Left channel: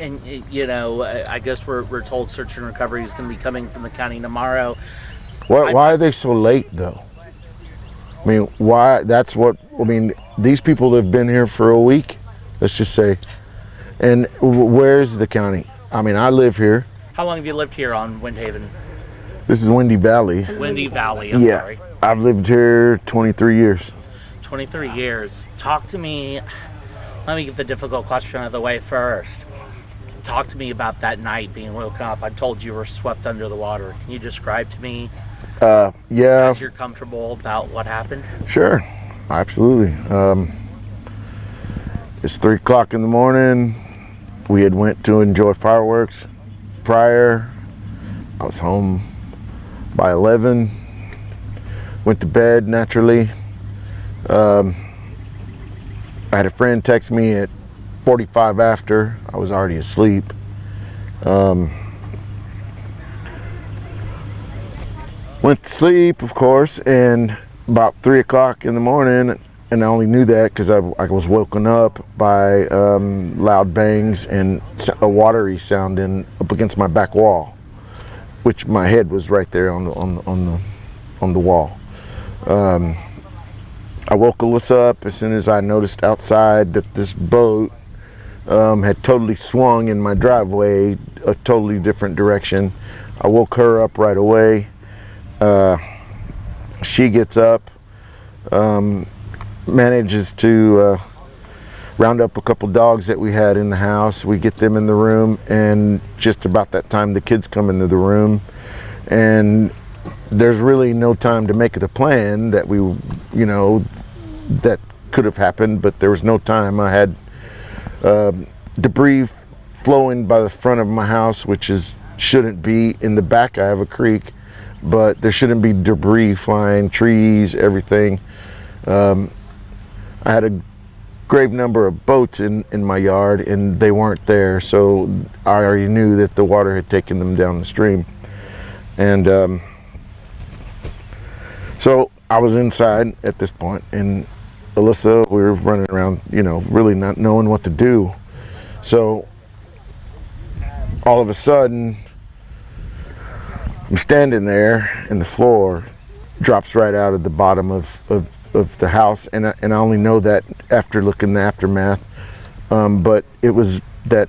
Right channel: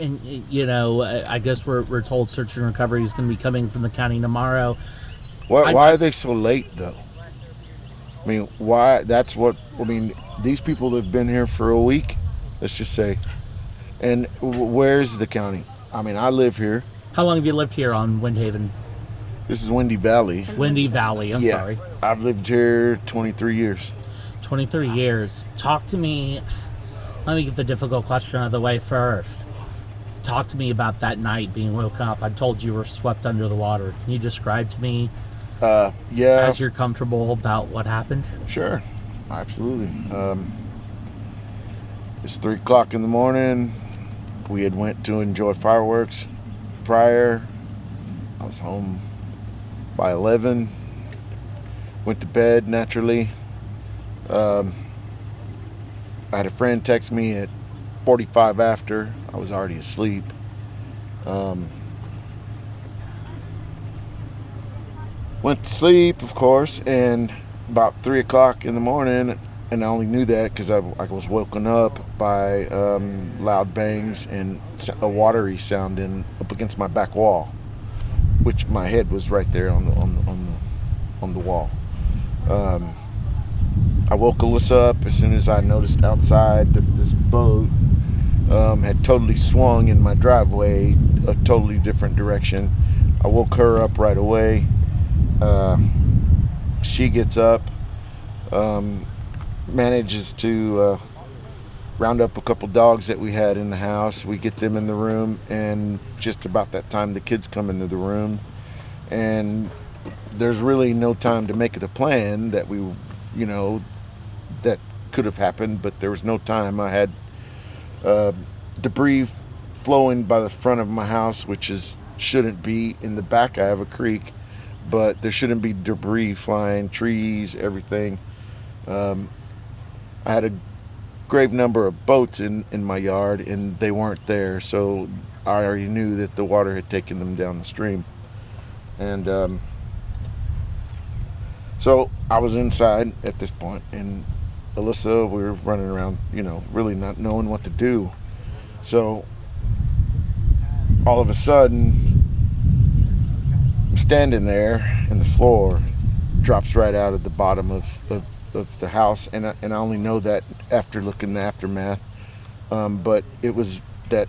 And I guess we're told search and recovery is going to be coming from the county tomorrow. Why are they so late though? I mean, why? That's what I mean. These people have been here for a week, let's just say. And where's the county? I mean, I live here. How long have you lived here on Windhaven? This is Windy Valley. Windy Valley, I'm sorry. I've lived here 23 years. 23 years. Talk to me. Let me get the difficult question out of the way first. Talk to me about that night being woken up. I told you were swept under the water. Can you describe to me, Yeah. as you're comfortable, about what happened? Sure, absolutely. It's 3 o'clock in the morning. We had went to enjoy fireworks prior. I was home by 11. Went to bed naturally. I had a friend text me at 45 after. I was already asleep. Went to sleep, of course, and about 3 o'clock in the morning, and I only knew that because I was woken up by loud bangs and a watery sound up against my back wall, which my head was right there on the wall. I woke Alyssa up as soon as I noticed outside that this boat had totally swung in my driveway, a totally different direction. I woke her up right away. She gets up, manages to round up a couple dogs that we had in the house. We get them in the room, and just about that time the kids come into the room, and there's really no time to make the plan that that could have happened, but there was no time. I had debris flowing by the front of my house, which shouldn't be. In the back I have a creek, but there shouldn't be debris flying, trees, everything. I had a grave number of boats in my yard, and they weren't there, so I already knew that the water had taken them down the stream. And so I was inside at this point, and Alyssa, we were running around, really not knowing what to do. So all of a sudden, I'm standing there, and the floor drops right out of the bottom of the house, and I only know that after looking the aftermath. But it was that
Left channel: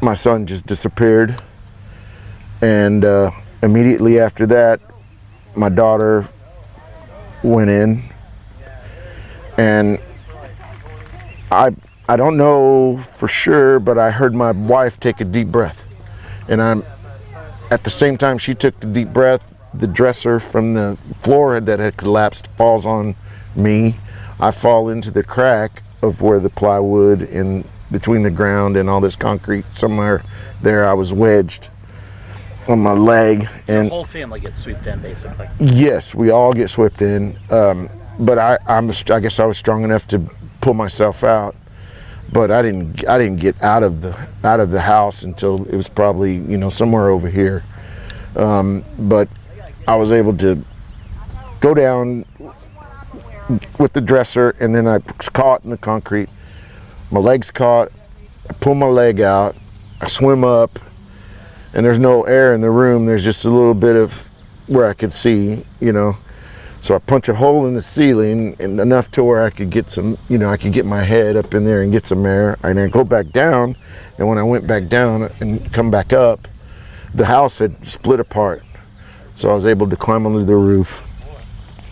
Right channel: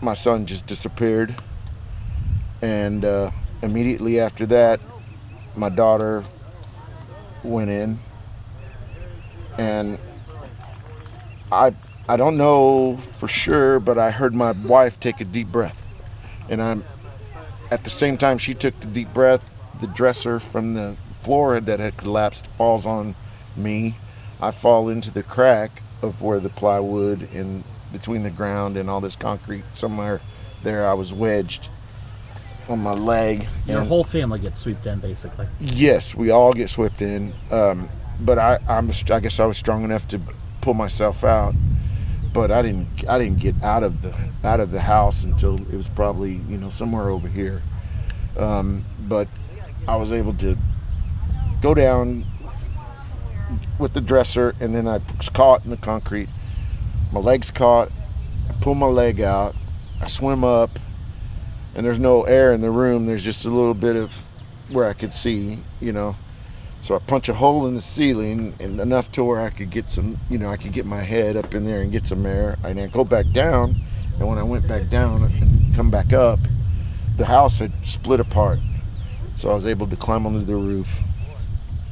my son just disappeared, and immediately after that, my daughter went in, and I don't know for sure, but I heard my wife take a deep breath, and at the same time she took the deep breath, the dresser from the floor that had collapsed falls on me. I fall into the crack of where the plywood in between the ground and all this concrete, somewhere there I was wedged on my leg. Your whole family gets swept in, basically. Yes, we all get swept in. But I guess I was strong enough to pull myself out. But I didn't get out of the house until it was probably somewhere over here. But I was able to go down with the dresser, and then I was caught in the concrete. My leg's caught. I pull my leg out. I swim up, and there's no air in the room. There's just a little bit of where I could see, So I punch a hole in the ceiling, and enough to where I could get some, I could get my head up in there and get some air. And then go back down, and when I went back down and come back up, the house had split apart. So I was able to climb onto the roof,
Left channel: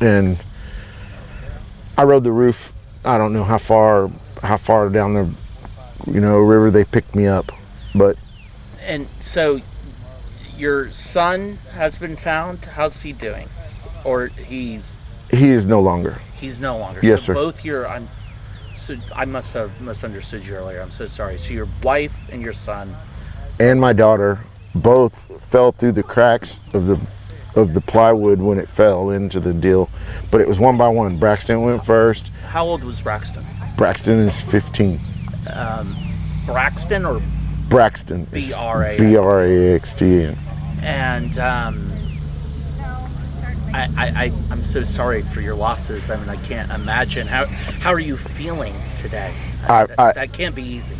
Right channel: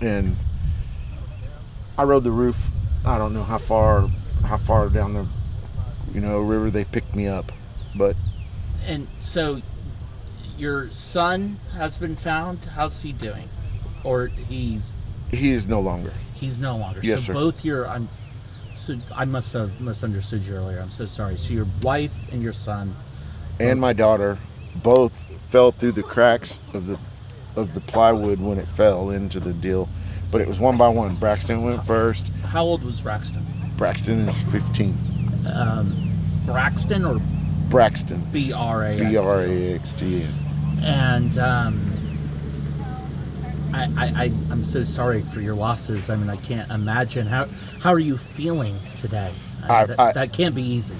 and I rode the roof. I don't know how far down the, river they picked me up, but. And so, your son has been found. How's he doing? Or He is no longer. He's no longer. Yes, so sir. Both I must have misunderstood you earlier. I'm so sorry. So your wife and your son and my daughter both fell through the cracks of the plywood when it fell into the deal, but it was one by one. Braxton went first. How old was Braxton? Braxton is 15. Braxton or Braxton. B-R-A-X-T. Braxton. And I'm so sorry for your losses. I mean, I can't imagine. How are you feeling today? That can't be easy.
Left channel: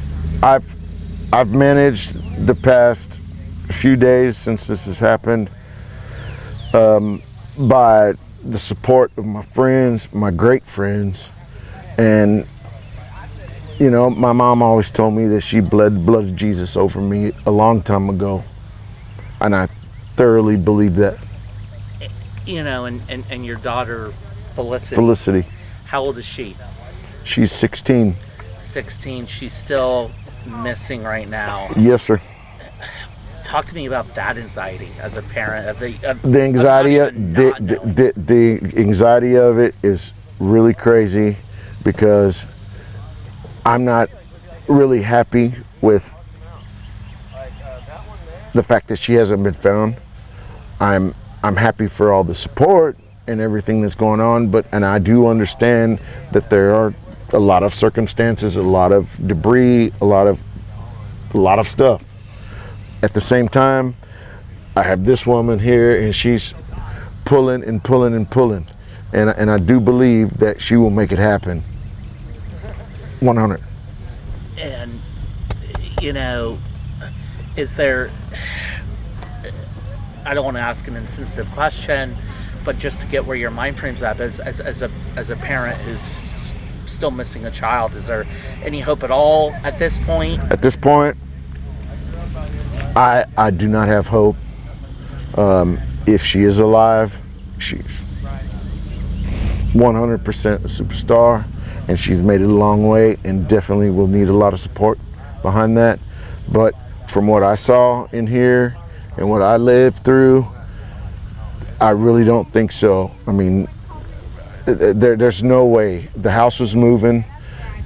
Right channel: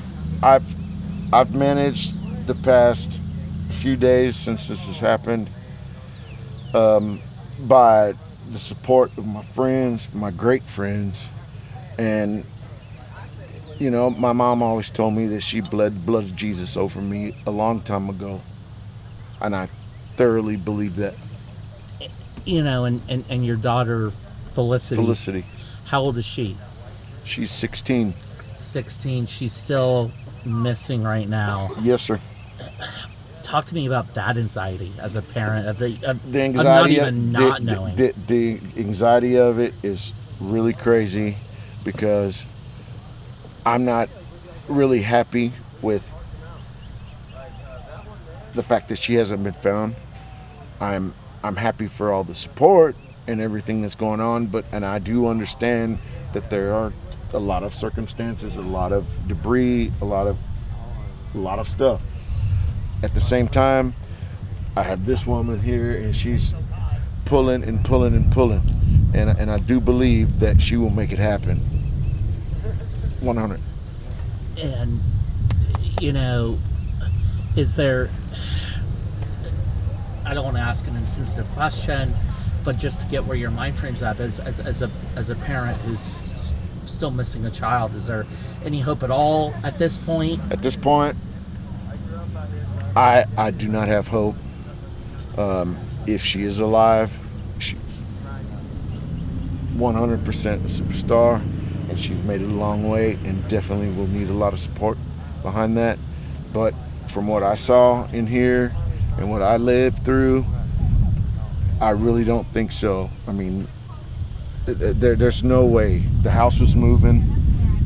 I've managed the past few days since this has happened by the support of my friends, my great friends, and you know, my mom always told me that she bled the blood of Jesus over me a long time ago, and I thoroughly believe that. You know, and your daughter, Felicity. Felicity, How old is she? she's 16. 16. She's still missing right now. Yes, sir. Talk to me about that anxiety as a parent. The anxiety, not knowing. the anxiety of it is really crazy because I'm not really happy with the fact that she hasn't been found. I'm happy for all the support and everything that's going on, and I do understand that there are a lot of circumstances, a lot of debris, a lot of stuff. At the same time, I have this woman here, and she's pulling and pulling and pulling, and I do believe that she will make it happen. 100. And you know, is there? I don't want to ask an insensitive question, but just to get where your mind frame's at, as a parent who's still missing a child, is there any hope at all at this point? At this point, I do not have hope. If she is alive, she's 100% a superstar, and she's made it a long way, and definitely will need a lot of support behind that. But from what I saw in here and what I lived through, I really don't think so. I mean, there's no way. The house was moving,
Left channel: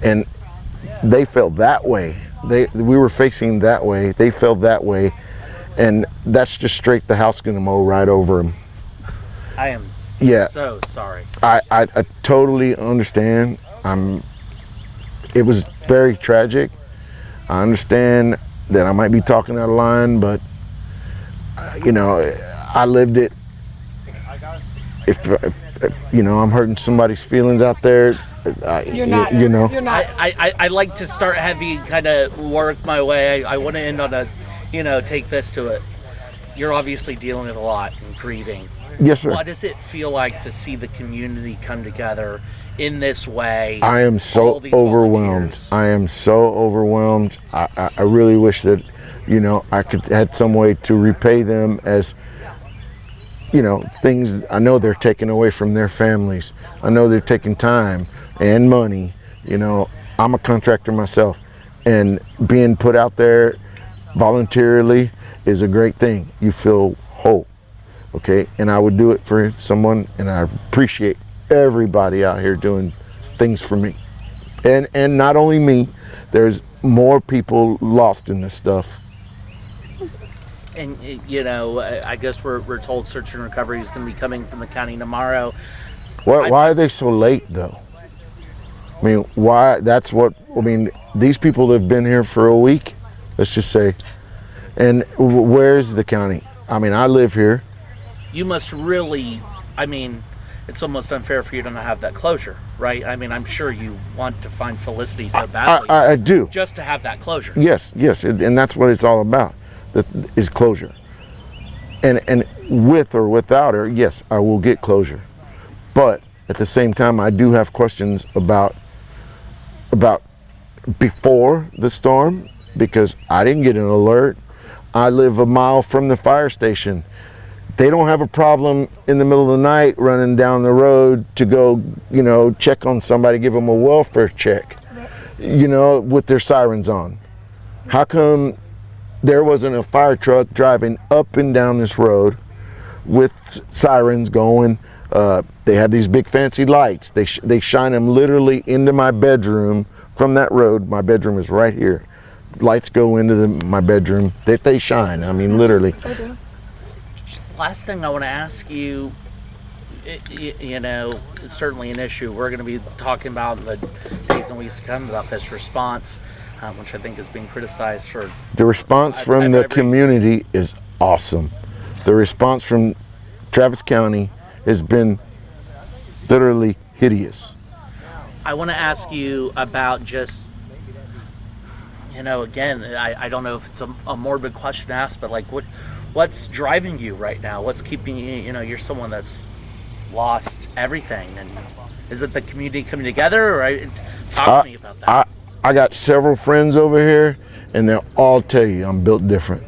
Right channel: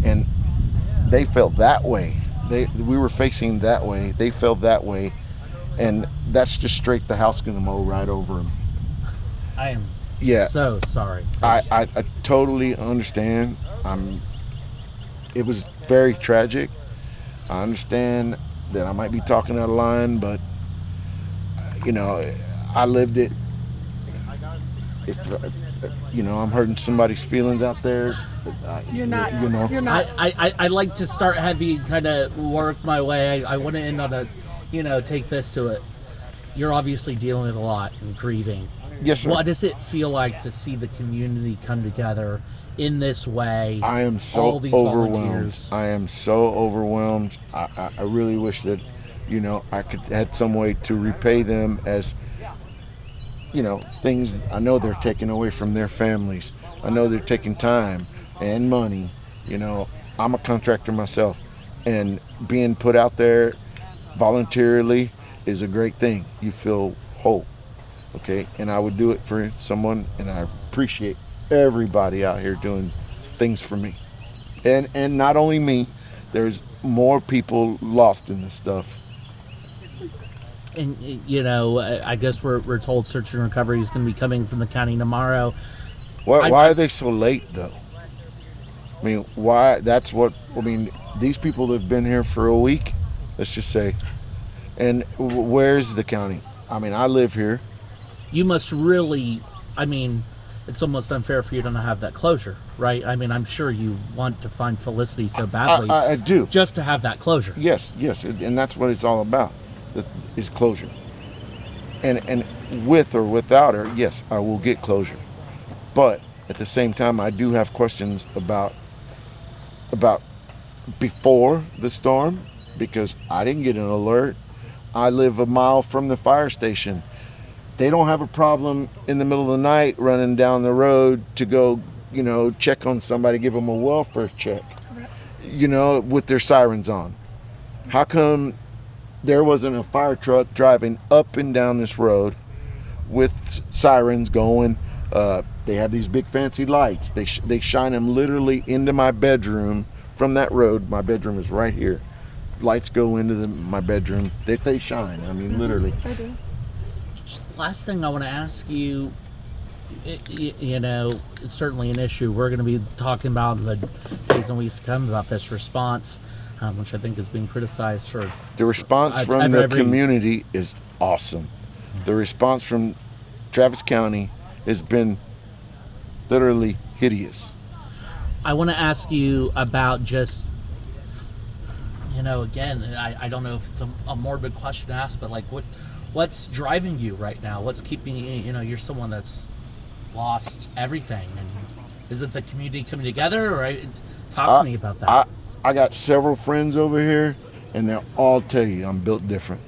and they felt that way. We were facing that way. They felt that way, and that's just straight. The house gonna mow right over them. I am so sorry. I totally understand. It was very tragic. I understand that I might be talking out of line, but you know, I lived it. If you know, I'm hurting somebody's feelings out there. You're not. You know. You're not. I like to start heavy, kind of work my way. I want to end on a, you know, take this to it. You're obviously dealing with a lot and grieving. Yes, sir. What does it feel like to see the community come together in this way? I am so overwhelmed. Volunteers? I am so overwhelmed. I really wish that, you know, I could had some way to repay them as, you know, things. I know they're taking away from their families. I know they're taking time and money. You know, I'm a contractor myself, and being put out there voluntarily is a great thing. You feel hope, okay? And I would do it for someone, and I appreciate everybody out here doing things for me. And not only me, there's more people lost in this stuff. And you know, I guess we're told search and recovery is going to be coming from the county tomorrow. Why are they so late though? I mean, why? That's what I mean. These people have been here for a week, let's just say. And where's the county? I mean, I live here. You must really, I mean, it's almost unfair for you to not have that closure, right? I mean, I'm sure you want to find Felicity so badly. I do. Just to have that closure. Yes, and that's what it's all about. That is closure. And with or without her, yes, I will get closure. But at the same time, I do have questions about before the storm, because I didn't get an alert. I live a mile from the fire station. They don't have a problem in the middle of the night running down the road to go, you know, check on somebody, give them a welfare check, you know, with their sirens on. How come there wasn't a fire truck driving up and down this road with sirens going? They have these big fancy lights. They shine them literally into my bedroom from that road. My bedroom is right here. Lights go into my bedroom. They shine. I mean, literally. Last thing I want to ask you, you know, it's certainly an issue we're going to be talking about in the days and weeks to come about this response, which I think is being criticized for. The response from the community is awesome. The response from Travis County has been literally hideous. I want to ask you about just Again, I don't know if it's a morbid question to ask, but like, what's driving you right now? What's keeping you? You're someone that's lost everything, and is it the community coming together, or talk to me about that? I got several friends over here, and they'll all tell you I'm built different.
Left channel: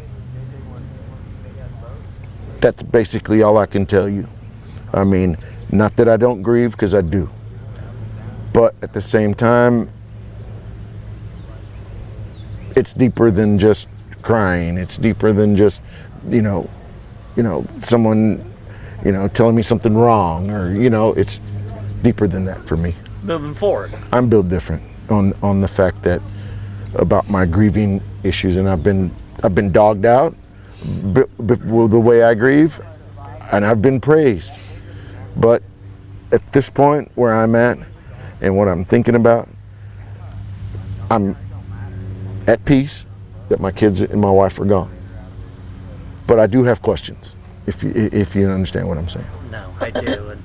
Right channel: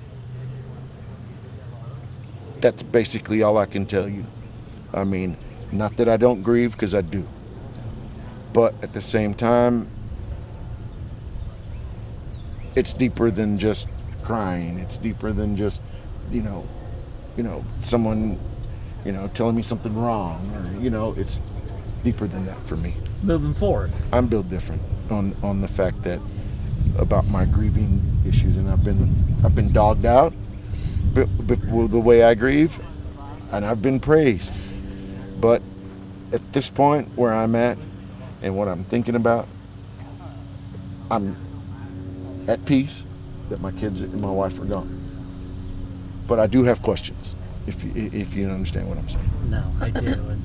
That's basically all I can tell you. I mean, not that I don't grieve, because I do. But at the same time, it's deeper than just crying. It's deeper than just, someone, telling me something wrong, or, it's deeper than that for me. Moving forward, I'm built different on the fact that about my grieving issues, and I've been dogged out the way I grieve, and I've been praised. But at this point where I'm at and what I'm thinking about, I'm at peace that my kids and my wife are gone. But I do have questions, if you understand what I'm saying. no, I do, and